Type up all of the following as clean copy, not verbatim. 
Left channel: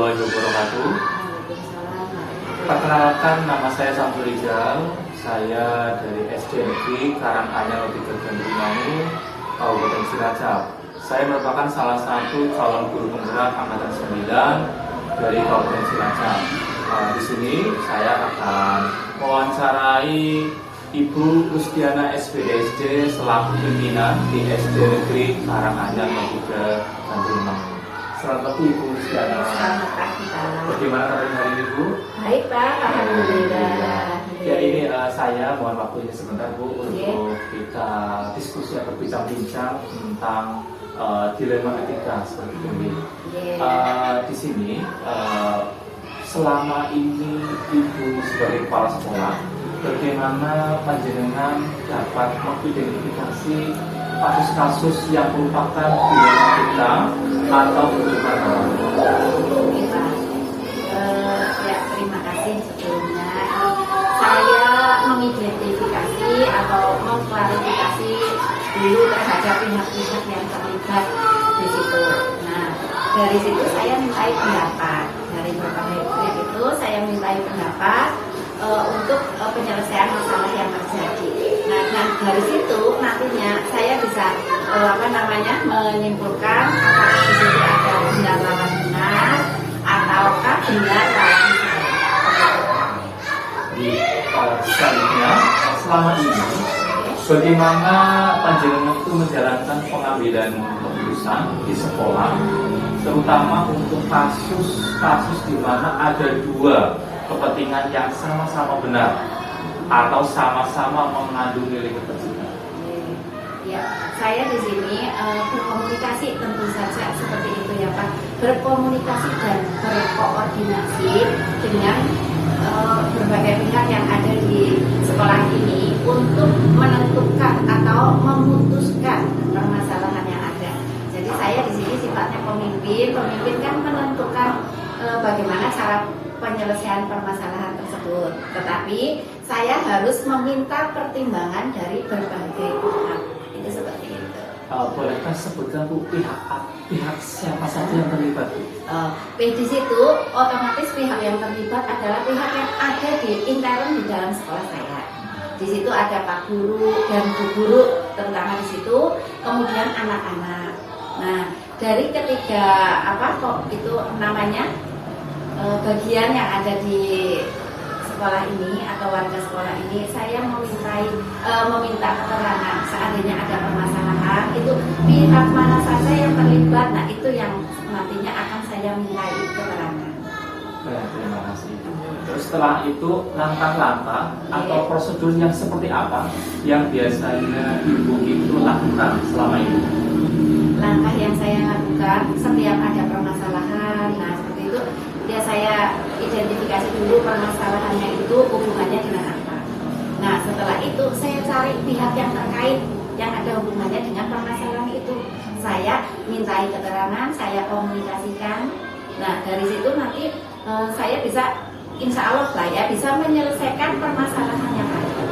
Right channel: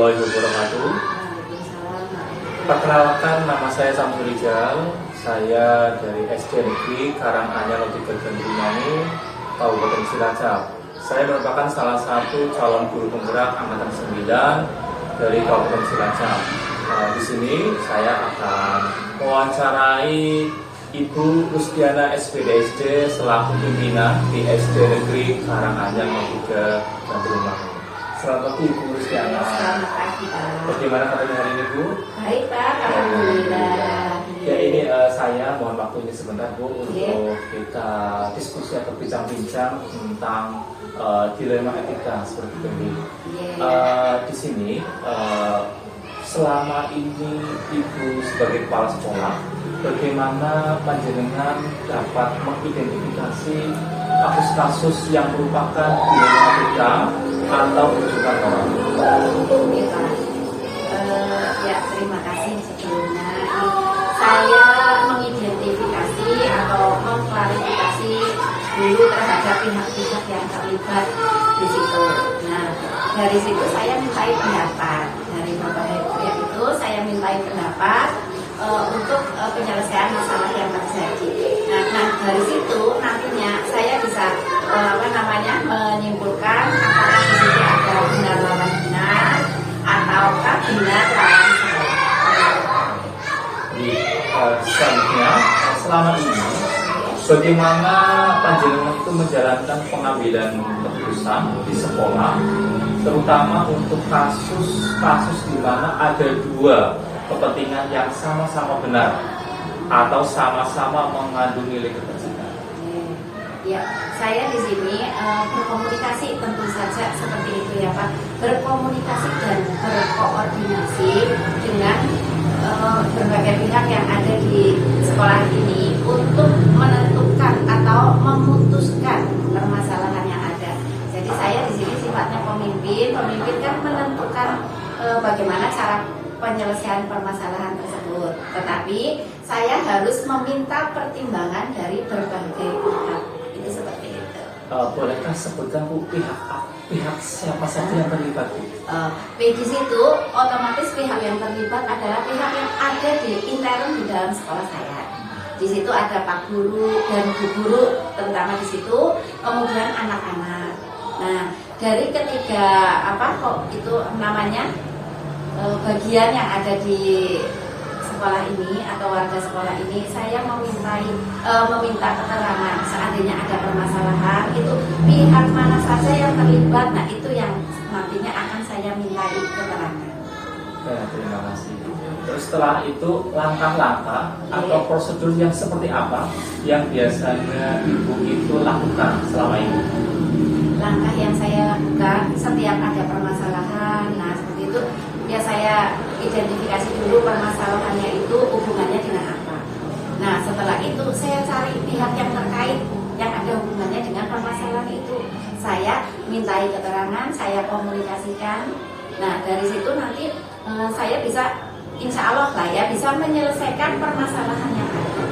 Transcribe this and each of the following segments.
warahmatullahi wabarakatuh. Perkenalkan, nama saya Samsul Rijal. Saya dari SD Negeri Karanganyar Logika Gandrumani, Kabupaten Cilacap. Saya merupakan salah satu calon guru penggerak angkatan 9 dari Kabupaten Cilacap. Di sini saya akan mewawancarai Ibu Rusdiana SPDSD selaku pimpinan di SD Negeri Karanganyar Logika Gandrumani. Selamat pagi Ibu Rusdiana. Selamat pagi Pak. Bagaimana kabarnya hari ini Bu? Baik Pak, alhamdulillah. Ya ini saya mohon waktunya sebentar Bu untuk kita diskusi atau bincang-bincang tentang dilema etika seperti ini. Di sini selama ini Ibu sebagai kepala sekolah, bagaimana panjenengan dapat mengidentifikasi kasus-kasus yang merupakan dilema etika atau kebutuhan orang? Oke Pak. Ya terima kasih sebelumnya. Saya mengidentifikasi atau mengklarifikasi dulu terhadap pihak-pihak yang terlibat di situ. Nah, dari situ saya mintai pendapat. Dari berbagai pihak itu saya mintai pendapat untuk penyelesaian masalah yang terjadi. Nah, dari situ nantinya saya bisa menyimpulkan apakah di situ ada benar lawan benar ataukah benar lawan selanjutnya, selama ini bagaimana panjenengan itu menjalankan pengambilan keputusan di sekolah, terutama untuk kasus-kasus di mana ada dua kepentingan yang sama-sama benar atau sama-sama mengandung nilai kepentingan? Ya, saya di sini berkomunikasi tentu saja seperti itu ya Pak. Berkomunikasi dan berkoordinasi dengan berbagai pihak yang ada di sekolah ini untuk menentukan atau memutuskan permasalahan yang ada. Jadi saya di sini sifatnya pemimpin kan menentukan bagaimana cara penyelesaian permasalahan tersebut. Tetapi saya harus meminta pertimbangan dari berbagai pihak. Itu seperti itu. Bolehkah sebutkan Bu pihak siapa saja yang terlibat Bu? Di situ otomatis pihak yang terlibat adalah pihak yang ada di intern di dalam sekolah saya. Di situ ada Pak Guru dan Bu Guru terutama di situ, kemudian anak-anak. Nah, dari ketiga bagian yang ada di sekolah ini atau warga sekolah ini, saya meminta keterangan seandainya ada permasalahan itu pihak mana saja yang terlibat. Nah, itu yang nantinya akan saya mintai keterangan. Baik, terima kasih. Terus setelah itu langkah-langkah atau prosedur yang seperti apa yang biasanya Ibu itu lakukan selama ini? Langkah yang saya lakukan setiap ada permasalahan, nah seperti itu ya saya identifikasi dulu permasalahannya itu hubungannya dengan apa. Nah setelah itu saya cari pihak yang terkait yang ada hubungannya dengan permasalahan itu. Saya mintai keterangan, saya komunikasikan. Nah dari situ nanti saya bisa insya Allah lah ya bisa menyelesaikan permasalahan yang ada.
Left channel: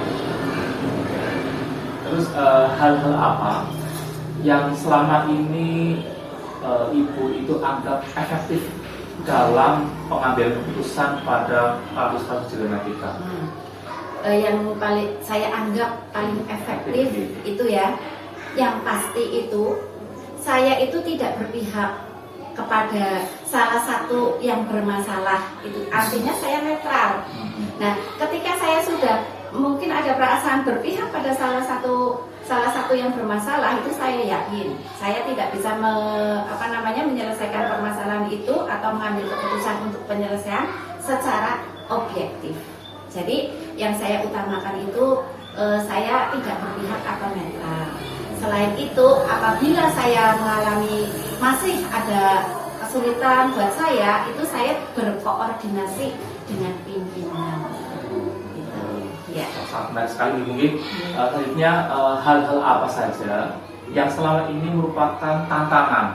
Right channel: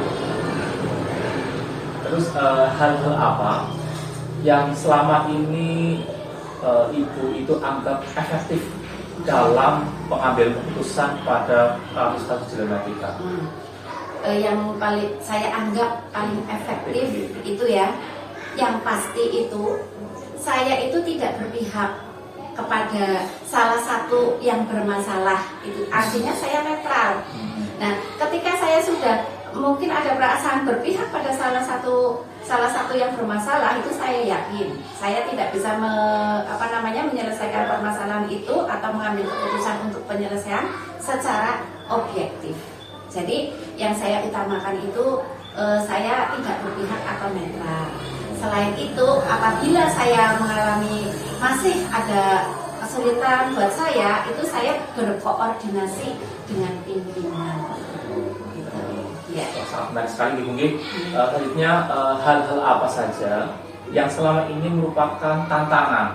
Terus hal-hal apa yang selama ini Ibu itu anggap efektif dalam pengambilan keputusan pada kasus-kasus dilematika? Yang paling saya anggap paling efektif itu ya, yang pasti itu saya itu tidak berpihak kepada salah satu yang bermasalah, itu artinya saya netral. Nah, ketika saya sudah mungkin ada perasaan berpihak pada salah satu yang bermasalah, itu saya yakin saya tidak bisa menyelesaikan permasalahan itu atau mengambil keputusan untuk penyelesaian secara objektif. Jadi yang saya utamakan itu saya tidak berpihak atau netral. Selain itu, apabila saya mengalami masih ada kesulitan buat saya, itu saya berkoordinasi dengan pimpinan. Ya. Sangat menarik sekali Bu Mungkin. Selanjutnya hal-hal apa saja yang selama ini merupakan tantangan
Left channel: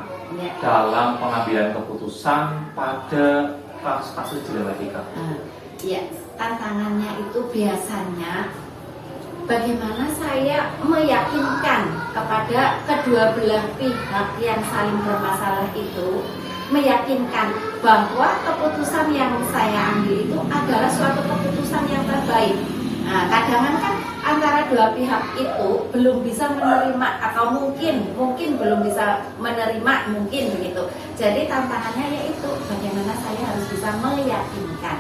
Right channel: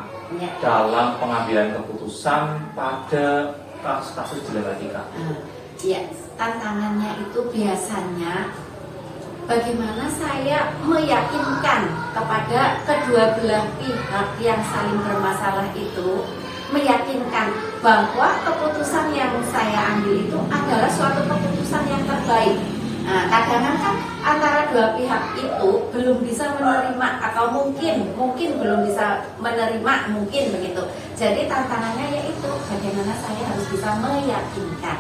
dalam pengambilan keputusan pada kasus-kasus dilematika? Ya, tantangannya itu biasanya bagaimana saya meyakinkan kepada kedua belah pihak yang saling bermasalah itu meyakinkan bahwa keputusan yang saya ambil itu adalah suatu keputusan yang terbaik. Nah, kadang kan antara dua pihak itu belum bisa menerima atau mungkin belum bisa menerima, mungkin begitu. Jadi tantangannya yaitu bagaimana saya harus bisa meyakinkan.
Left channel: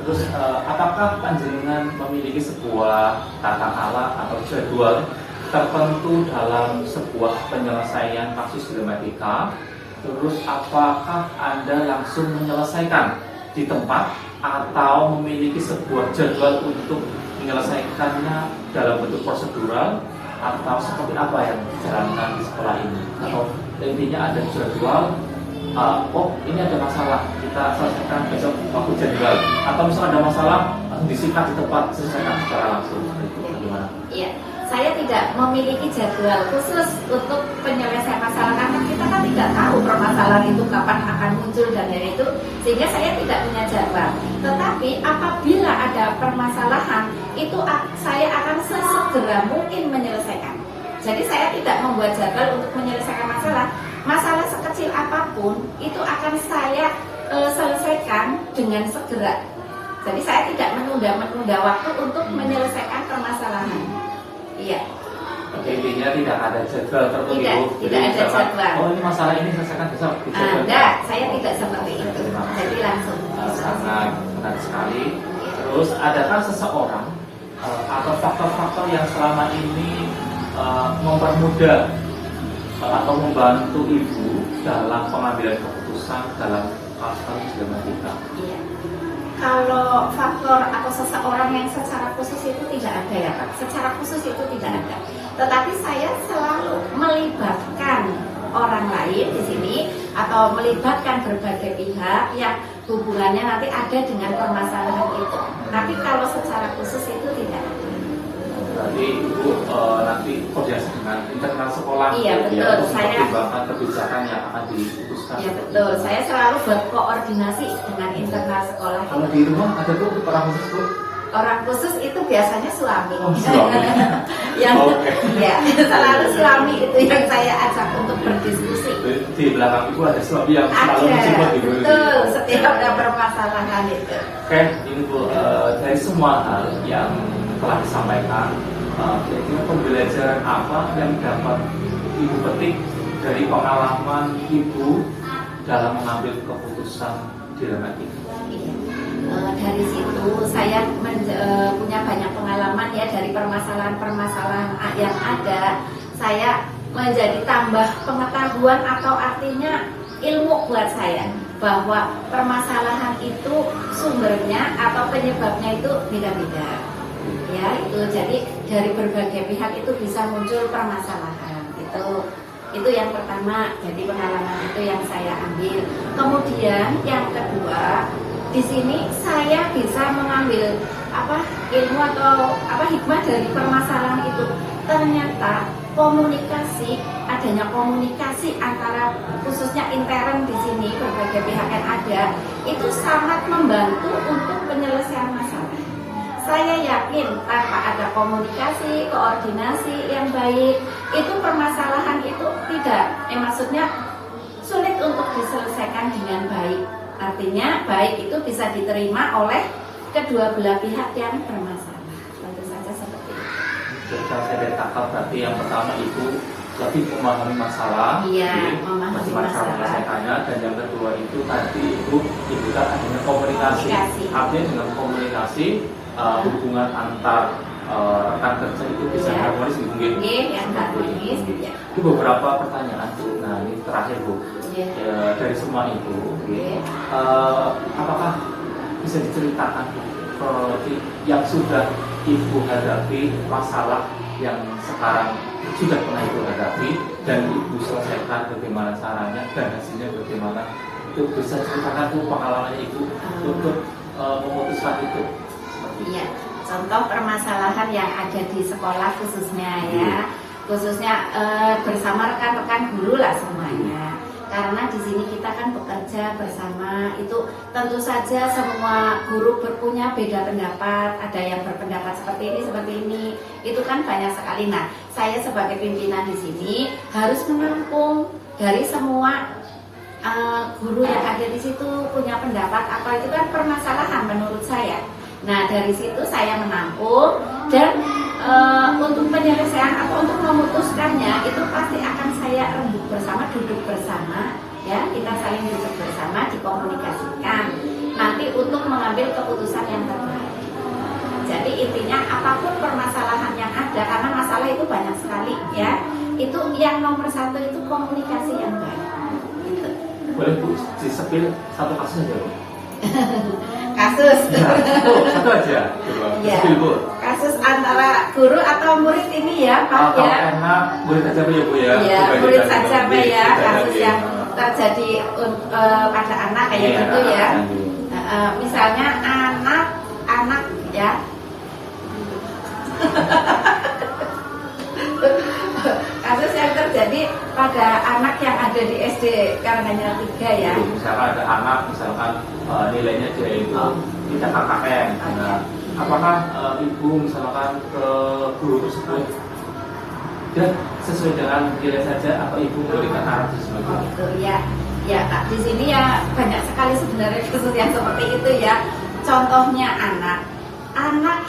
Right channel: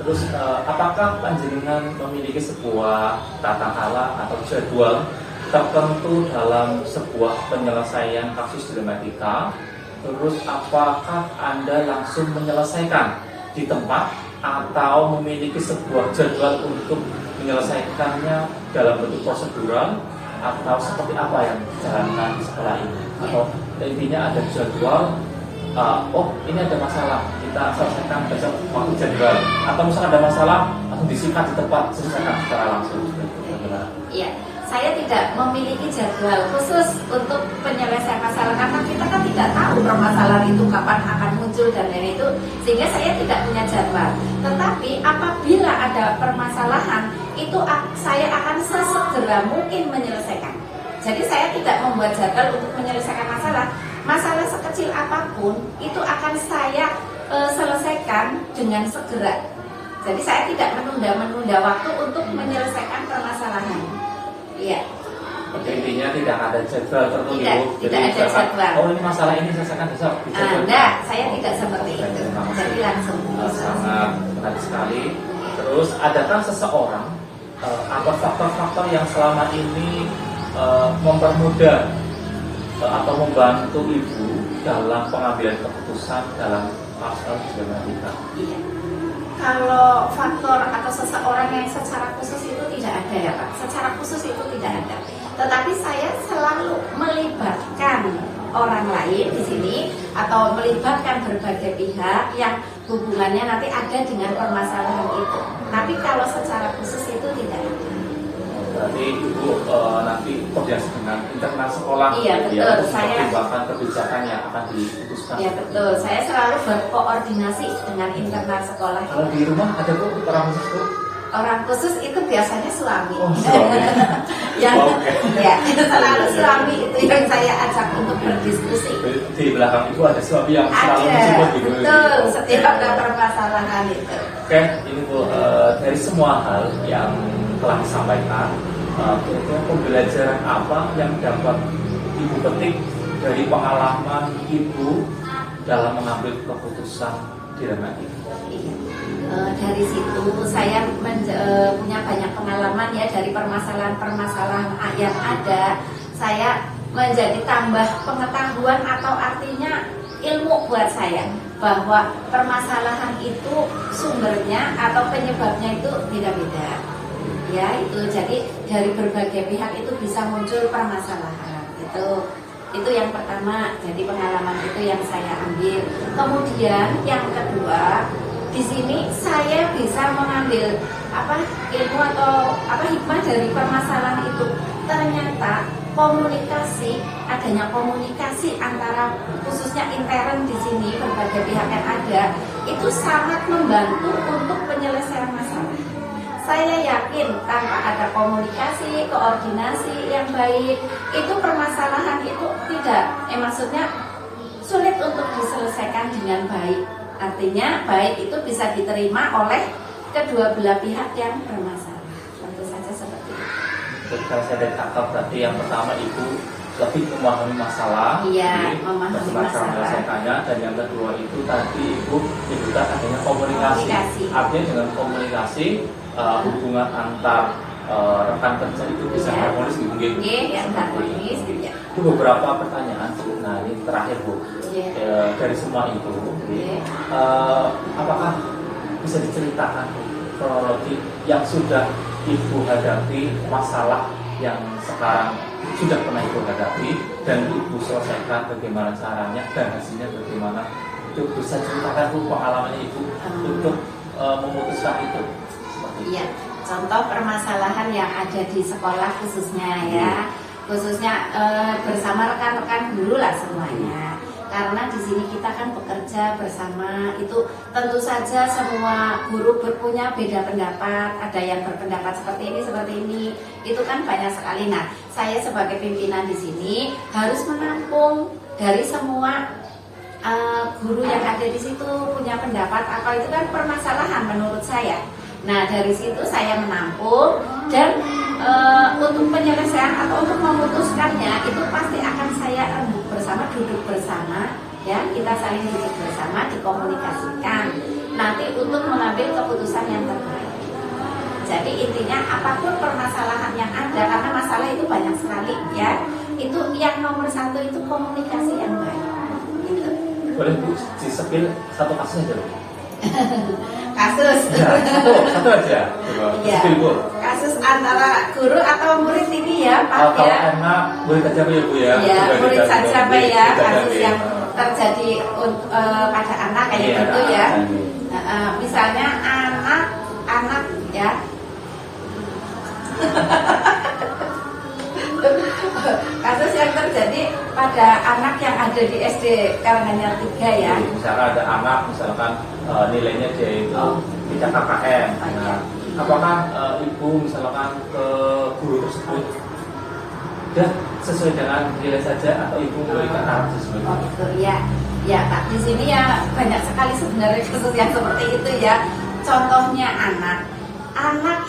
Terus apakah panjenengan memiliki sebuah tata cara atau jadwal tertentu dalam sebuah penyelesaian kasus dilematika? Terus apakah Anda langsung menyelesaikan di tempat atau memiliki sebuah jadwal untuk menyelesaikannya dalam bentuk prosedural, atau seperti apa yang dijalankan di sekolah ini? Atau intinya ada jadwal, oh ini ada masalah, kita selesaikan besok waktu jadwal, atau misalnya ada masalah langsung disikat di tempat, selesaikan secara langsung. Bagaimana? Iya, saya tidak memiliki jadwal khusus untuk penyelesaian masalah karena kita kan tidak tahu permasalahan itu kapan akan muncul dan lain itu, sehingga saya tidak punya jadwal. Tetapi apabila ada permasalahan itu saya akan sesegera mungkin menyelesaikan. Jadi saya tidak membuat jadwal untuk menyelesaikan masalah. Masalah sekecil apapun itu akan saya selesaikan dengan segera. Jadi saya tidak menunda waktu untuk menyelesaikan permasalahan. Iya. Intinya tidak ada jadwal tertentu. Tidak ada jadwal. Oh ini masalah ini selesaikan besok. Enggak, saya tidak seperti itu. Jadi langsung. Sangat menarik sekali. Terus adakah seseorang atau faktor-faktor yang selama ini mempermudah atau membantu ibu dalam pengambilan keputusan dalam kasus dilematika? Iya. Kalau faktor atau seseorang yang secara khusus itu tidak ada ya Pak. Secara khusus itu tidak ada. Tetapi saya selalu melibatkan orang lain di sini atau melibatkan berbagai pihak yang hubungannya nanti ada dengan permasalahan itu. Tapi kalau secara khusus itu tidak ada. Berarti ibu nanti koordinasi dengan internal sekolah. Iya betul. Saya pertimbangan kebijakan yang akan diputuskan. Iya betul. Saya selalu berkoordinasi dengan internal sekolah. Kalau di rumah ada bu orang khusus bu? Orang khusus itu biasanya suami. Oh, suami. Yang ya itu selalu suami itu yang saya ajak untuk berdiskusi. Di belakang ibu ada suami yang selalu mensupport ibu. Betul. Setiap ada permasalahan itu. Oke, ini bu dari semua hal yang telah disampaikan, kira-kira pembelajaran apa yang dapat ibu petik dari pengalaman ibu dalam mengambil keputusan dilematika? Dari situ saya punya banyak pengalaman ya dari permasalahan-permasalahan yang ada. Saya menjadi tambah pengetahuan atau artinya ilmu buat saya bahwa permasalahan itu sumbernya atau penyebabnya itu beda-beda. Ya itu jadi dari berbagai pihak itu bisa muncul permasalahan itu yang pertama. Jadi pengalaman itu yang saya ambil. Kemudian yang kedua, di sini saya bisa mengambil ilmu atau hikmah dari permasalahan itu. Ternyata adanya komunikasi antara khususnya intern di sini berbagai pihak yang ada itu sangat membantu untuk penyelesaian masalah. Saya yakin tanpa ada komunikasi, koordinasi yang baik, itu permasalahan itu maksudnya sulit untuk diselesaikan dengan baik. Artinya baik itu bisa diterima oleh kedua belah pihak yang bermasalah. Tentu saja seperti itu. Ketika saya tangkap berarti yang pertama ibu lebih memahami masalah, memahami cara menyelesaikannya, dan yang kedua itu tadi ibu juga adanya komunikasi. Artinya dengan komunikasi hubungan antar rekan kerja itu bisa harmonis mungkin. Harmonis gitu ya. Itu beberapa pertanyaan bu. Nah ini terakhir bu. Dari semua itu, apakah bisa diceritakan kronologi yang sudah ibu hadapi, masalah yang sekarang sudah pernah ibu hadapi dan ibu selesaikan bagaimana caranya dan hasilnya bagaimana? Itu bisa ceritakan bu pengalamannya ibu untuk memutuskan itu. Iya, contoh permasalahan yang ada di sekolah khususnya ya, khususnya bersama rekan-rekan guru lah semuanya. Karena di sini kita kan bekerja bersama, itu tentu saja semua guru punya beda pendapat, ada yang berpendapat seperti ini, itu kan banyak sekali. Nah, saya sebagai pimpinan di sini harus menampung dari semua guru yang ada di situ punya pendapat apa, itu kan permasalahan menurut saya. Nah, dari situ saya menampung, dan untuk penyelesaian atau untuk memutuskannya itu pasti akan saya rembuk bersama, duduk bersama, ya, kita saling duduk bersama, dikomunikasikan nanti untuk mengambil keputusan yang terbaik. Jadi intinya apapun permasalahan yang ada, karena masalah itu banyak sekali, ya, itu yang nomor satu itu komunikasi yang baik. Gitu. Boleh Bu disepil satu kasus aja Bu? Kasus. Ya, satu aja. Coba Ya. disepil Bu. Kasus antara guru atau murid ini ya, Pak, Kalau ya. enak boleh saja Bu ya Bu ya. Ya, Coba murid dibagi-bagi, saja Pak ya, kasus dibagi-bagi. yang terjadi pada anak kayak Iya, gitu ya. lanjut. Misalnya anak ya. Kasus yang terjadi pada anak yang ada di SD Karanganyar 3 ya. Jadi, misalkan ada anak, misalkan nilainya dia itu tidak KKM. Nah, apakah ibu misalkan ke guru tersebut dan sesuai dengan nilai saja atau ibu memberikan arah sesuai Oh itu ya, ya Pak. Di sini ya banyak sekali sebenarnya kasus yang seperti itu ya. Contohnya anak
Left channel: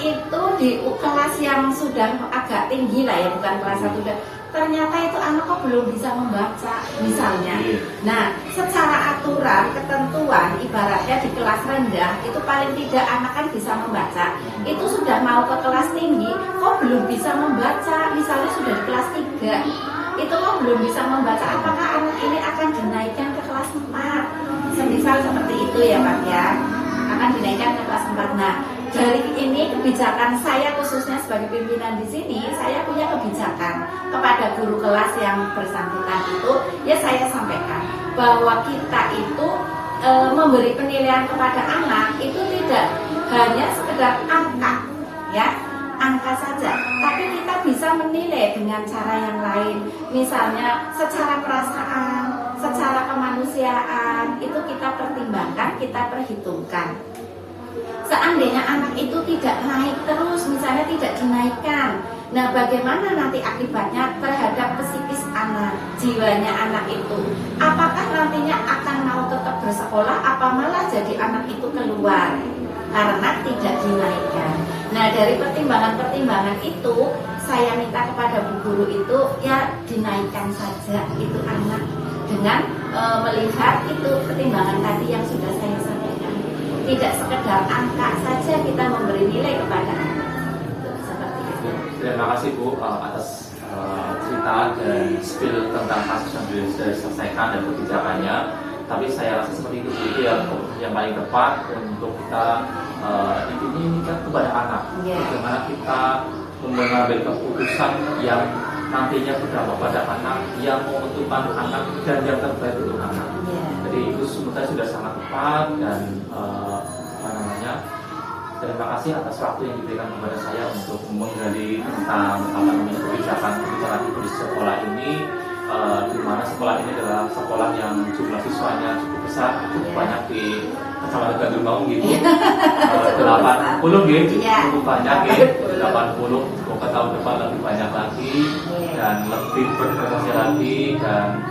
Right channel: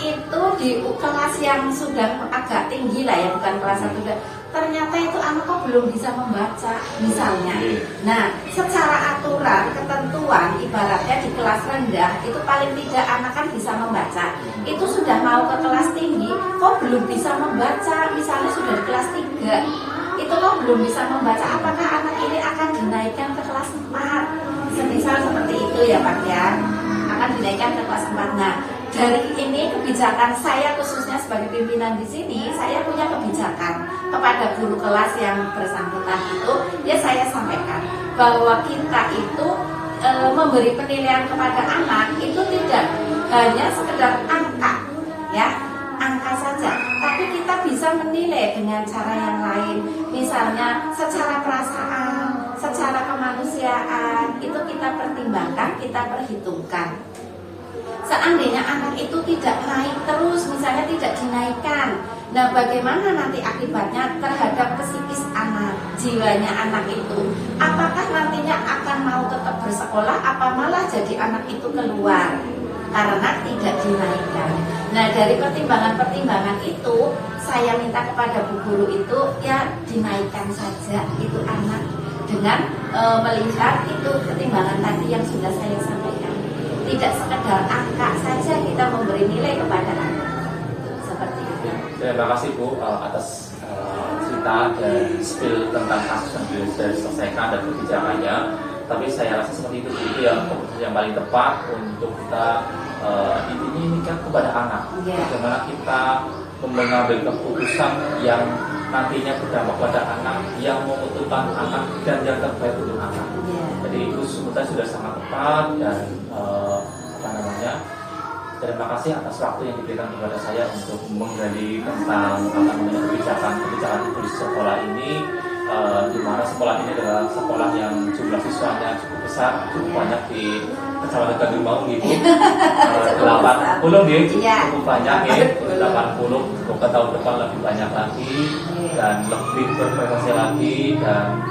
itu di kelas yang sudah agak tinggi lah ya, bukan kelas 1. Ternyata itu anak kok belum bisa membaca misalnya. Nah, secara aturan, ketentuan, ibaratnya di kelas rendah itu paling tidak anak kan bisa membaca. Itu sudah mau ke kelas tinggi, kok belum bisa membaca, misalnya sudah di kelas 3. Itu kok belum bisa membaca, apakah anak ini akan dinaikkan ke kelas 4? Semisal seperti itu ya Pak ya, akan dinaikkan ke kelas 4. Nah, dari ini kebijakan saya khususnya sebagai pimpinan di sini, saya punya kebijakan kepada guru kelas yang bersangkutan itu, ya saya sampaikan bahwa kita itu memberi penilaian kepada anak itu tidak hanya sekedar angka, ya, angka saja, tapi kita bisa menilai dengan cara yang lain, misalnya secara perasaan, secara kemanusiaan, itu kita pertimbangkan, kita perhitungkan. Seandainya anak itu tidak naik terus, misalnya tidak dinaikkan, nah bagaimana nanti akibatnya terhadap psikis anak, jiwanya anak itu? Apakah nantinya akan mau tetap bersekolah, apa malah jadi anak itu keluar karena tidak dinaikkan? Nah, dari pertimbangan-pertimbangan itu, saya minta kepada bu guru itu ya dinaikkan saja itu anak dengan melihat itu pertimbangan tadi yang sudah saya sampaikan. Tidak sekedar angka saja kita memberi nilai kepada anak. Seperti itu. Terima kasih Bu atas cerita dan spill tentang kasus yang sudah diselesaikan dan kebijakannya. Tapi saya rasa seperti itu yang paling tepat untuk kita ini kan kepada anak. Bagaimana kita mengambil keputusan yang nantinya berdampak pada anak, yang menguntungkan anak dan yang terbaik untuk anak. Jadi itu sudah sangat tepat dan terima kasih atas waktu yang diberikan kepada saya untuk menggali tentang kebijakan ibu di sekolah ini, di mana sekolah ini adalah sekolah yang jumlah siswanya cukup besar, cukup banyak di Kecamatan Gandul Maung gitu, 80 gitu, cukup banyak ya, 80. Semoga tahun depan lebih banyak lagi dan lebih berprestasi lagi, dan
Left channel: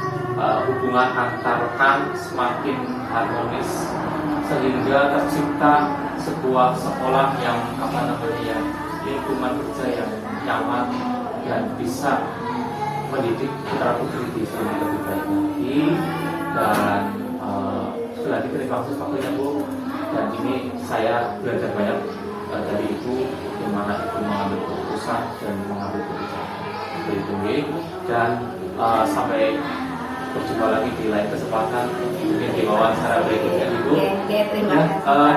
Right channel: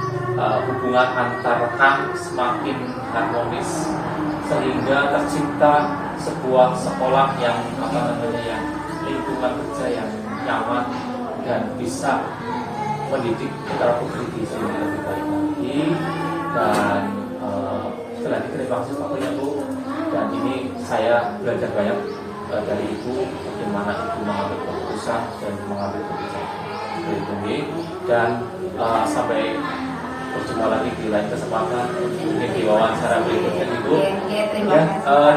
hubungan antar rekan semakin harmonis sehingga tercipta sebuah sekolah yang lingkungan kerja yang nyaman dan bisa mendidik putra putri di sini lebih baik lagi. Dan sekali lagi terima kasih waktunya Bu, dan ini saya belajar banyak dari Ibu bagaimana Ibu mengambil keputusan dan mengambil kebijakan berikutnya. Dan sampai berjumpa lagi di lain kesempatan mungkin di wawancara berikutnya Ibu.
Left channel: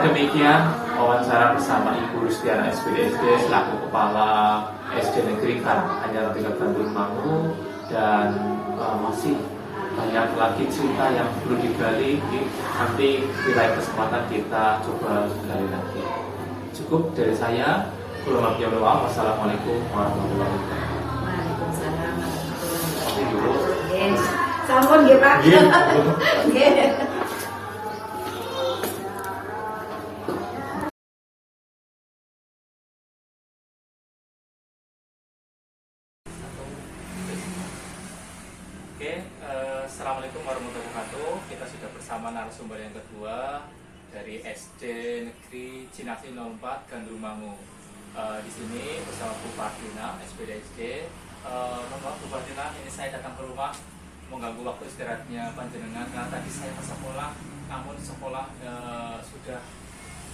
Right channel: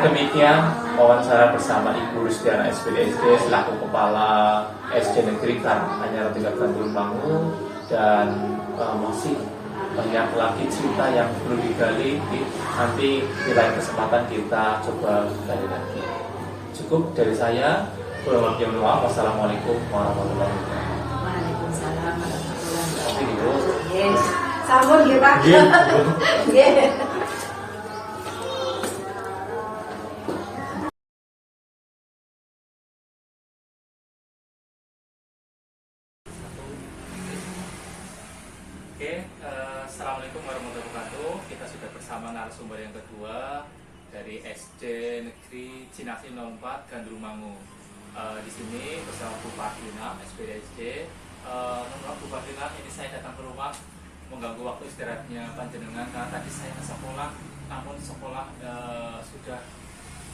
Demikian wawancara bersama Ibu Rustiana SPDSD selaku Kepala SD Negeri Karanganyar 3 Gandul Maung, dan masih banyak lagi cerita yang perlu digali. Nanti di lain kesempatan kita coba gali lagi. Cukup dari saya. Wassalamualaikum warahmatullahi wabarakatuh. Waalaikumsalam warahmatullahi wabarakatuh. Yes. Sampun nggih Pak. Nggih. Assalamualaikum warahmatullahi wabarakatuh. Kita sudah bersama narasumber yang kedua dari SD Negeri Cinasi 04 Gandrumangu. Di sini bersama Bu Fatina, SPDSD. Mohon maaf Bu Fatina, ini saya datang ke rumah mengganggu waktu istirahatnya panjenengan karena tadi saya ke sekolah, namun sekolah sudah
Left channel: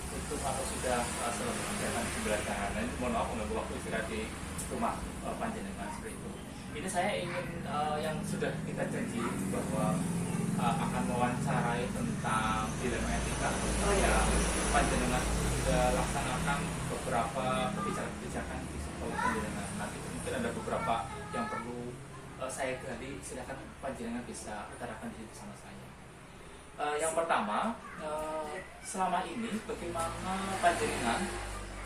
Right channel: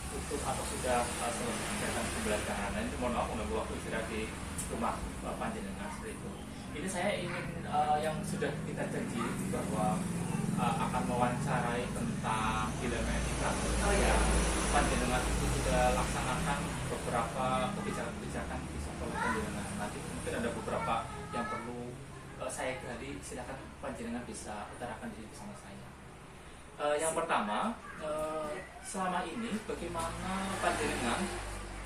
tutup atau sudah selesai kegiatan pembelajaran. Dan mohon maaf mengganggu waktu istirahat di rumah panjenengan seperti itu. Ini saya ingin yang sudah kita janji bahwa akan mewawancarai tentang dilema etika. Panjenengan sudah laksanakan beberapa kebijakan-kebijakan di sekolah panjenengan. Nanti mungkin ada beberapa yang perlu saya gali. Silakan panjenengan bisa utarakan diri bersama saya. Yang pertama, selama ini bagaimana panjenengan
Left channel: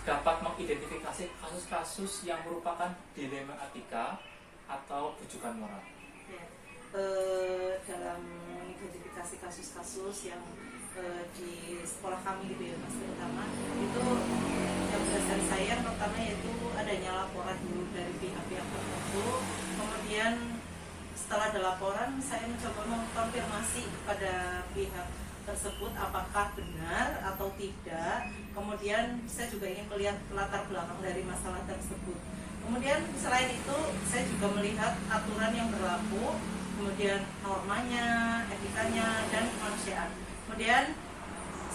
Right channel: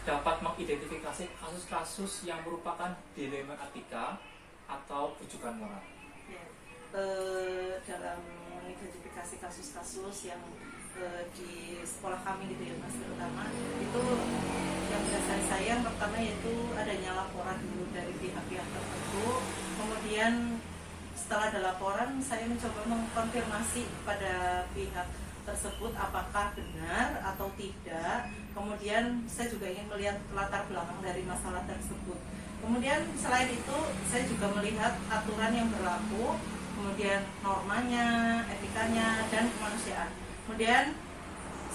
dapat mengidentifikasi kasus-kasus yang merupakan dilema etika atau rujukan moral? Ya, dalam mengidentifikasi kasus-kasus yang di sekolah kami gitu ya Mas, terutama itu yang berdasar saya yang pertama yaitu adanya laporan dulu dari pihak-pihak tertentu. Kemudian setelah ada laporan saya mencoba mengkonfirmasi kepada pihak tersebut apakah benar atau tidak. Kemudian saya juga ingin melihat latar belakang dari masalah tersebut. Kemudian selain itu saya juga melihat aturan yang berlaku, kemudian normanya, etikanya, dan kemanusiaan. Kemudian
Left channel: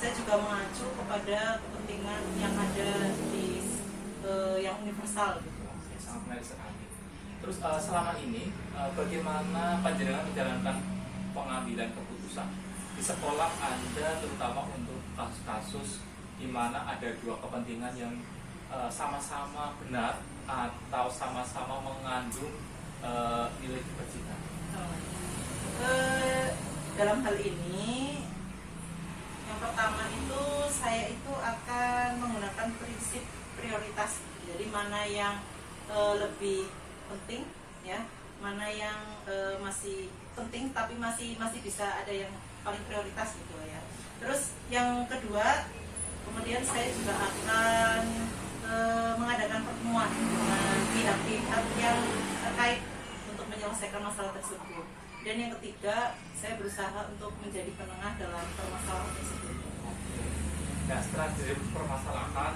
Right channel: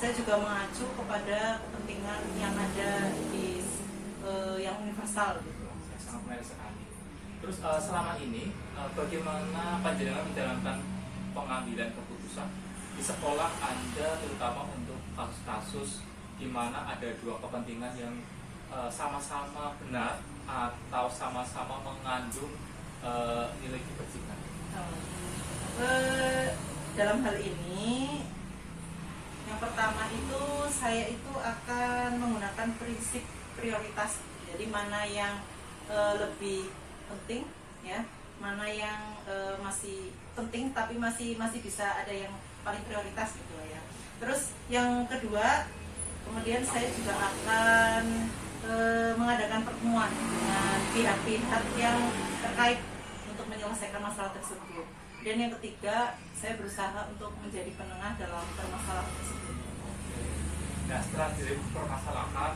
saya juga mengacu kepada kepentingan yang ada di yang universal gitu. Sangat menarik sekali. Terus selama ini bagaimana panjenengan menjalankan pengambilan keputusan di sekolah Anda, terutama untuk kasus-kasus di mana ada dua kepentingan yang sama-sama benar atau sama-sama mengandung nilai kebajikan? Dalam hal ini yang pertama itu saya itu akan menggunakan prinsip prioritas. Jadi mana yang lebih penting ya, mana yang masih penting tapi masih bisa ada yang paling prioritas gitu ya. Terus yang kedua, kemudian saya juga akan mengadakan pertemuan dengan pihak-pihak yang terkait untuk menyelesaikan masalah tersebut. Dan yang ketiga, saya berusaha untuk menjadi penengah dalam permasalahan tersebut. Nah, setelah dipermasalahkan,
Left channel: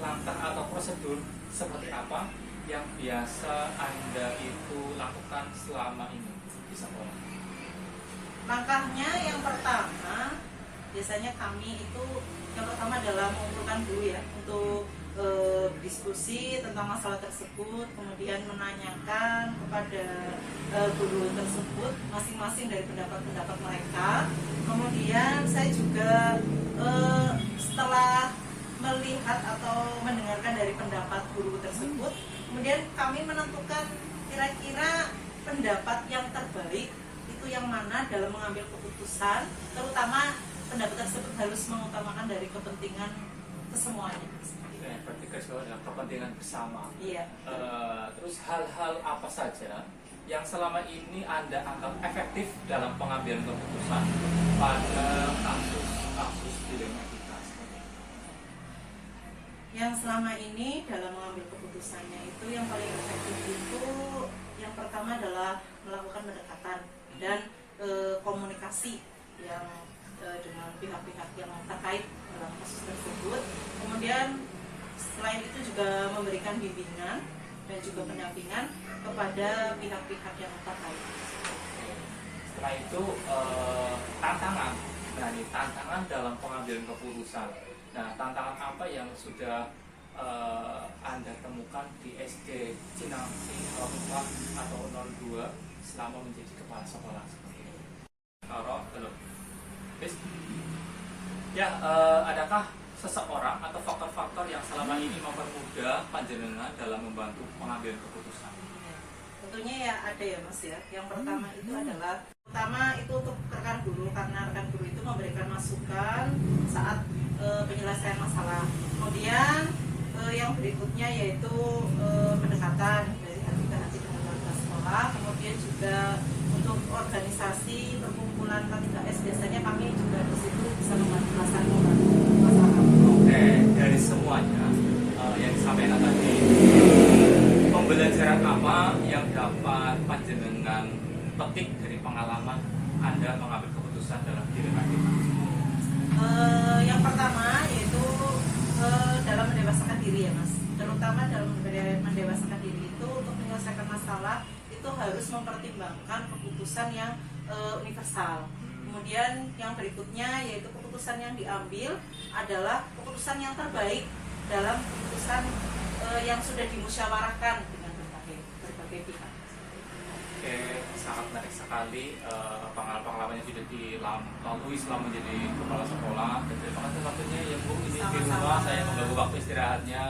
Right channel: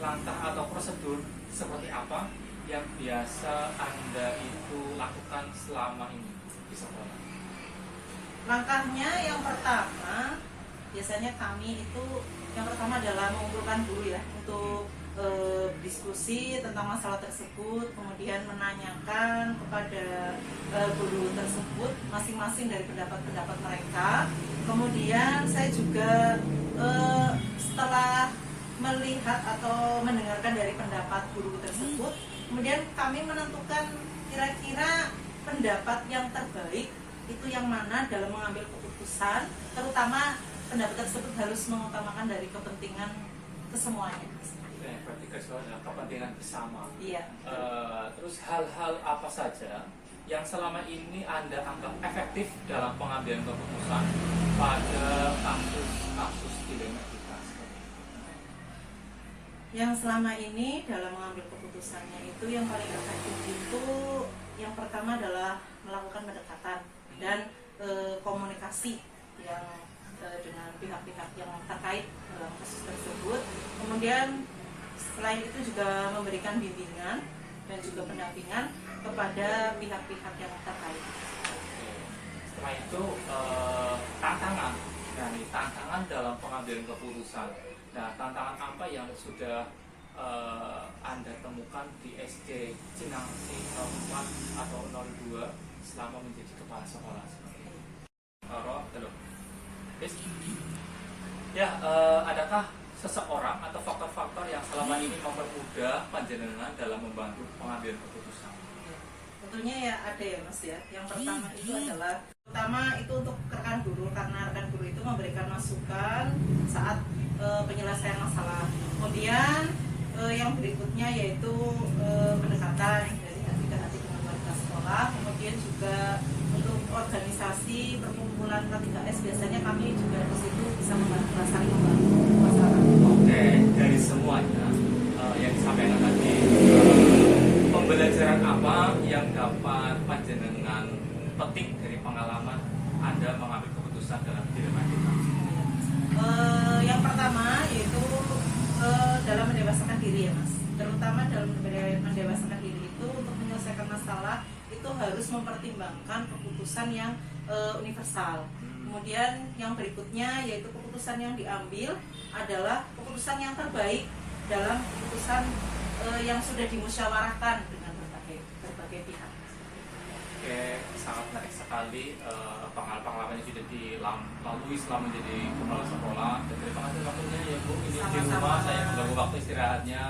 langkah atau prosedur seperti apa yang biasa Anda itu lakukan selama ini di sekolah? Langkahnya yang pertama, biasanya kami itu yang pertama adalah mengumpulkan dulu ya untuk diskusi tentang masalah tersebut, kemudian menanyakan kepada guru tersebut masing-masing dari pendapat-pendapat mereka. Kemudian saya juga setelah melihat atau mendengarkan dari pendapat guru tersebut, kemudian kami menentukan kira-kira pendapat yang terbaik itu yang mana dalam mengambil keputusan, terutama pendapat tersebut harus mengutamakan dari kepentingan kesemuanya. Berarti kepentingan bersama. Iya. Terus hal-hal apa saja yang selama ini Anda anggap efektif dalam pengambilan keputusan pada kasus dilema etika? Yang selama ini dalam mengambil keputusannya itu yang paling efektif itu yang pertama adalah melakukan pendekatan dan komunikasi yang dengan pihak-pihak yang terkait dalam kasus tersebut. Kemudian selain itu juga memberikan bimbingan dan juga pendampingan kepada pihak-pihak yang terkait. Setelah itu tantangan. Nah, ini tantangan dalam pengambilan keputusan. Nah, tantangan apa yang sudah Anda temukan di SD Cinangsi 04 atau 02 selama menjadi kepala sekolah seperti ini? Belum. Ya, adakah seseorang atau faktor-faktor yang selama ini mempermudah panjenengan dalam membantu pengambilan keputusan? Tentunya ya ada ya Mas ya. Yang pertama itu adalah itu untuk rekan guru, karena rekan guru itu memberikan masukan saat penyelesaian masalah. Kemudian yang berikutnya yaitu pendekatan dari hati ke hati dengan warga sekolah. Kemudian juga untuk organisasi perkumpulan KTKS biasanya kami juga di situ bisa membantu masyarakat. Oke, dari semuanya yang disampaikan tadi, pembelajaran apa yang dapat panjenengan petik dari pengalaman Anda mengambil keputusan terutama dalam mendewasakan diri itu untuk menyelesaikan masalah itu harus mempertimbangkan keputusan yang universal. Kemudian yang berikutnya yaitu keputusan yang diambil adalah keputusan yang terbaik dalam keputusan yang sudah dimusyawarahkan dengan berbagai pihak. Oke, sangat menarik sekali pengalaman yang sudah dilalui selama menjadi kepala sekolah. Dan terima kasih waktunya ya Bu. Ini di rumah saya mengganggu waktu istirahatnya.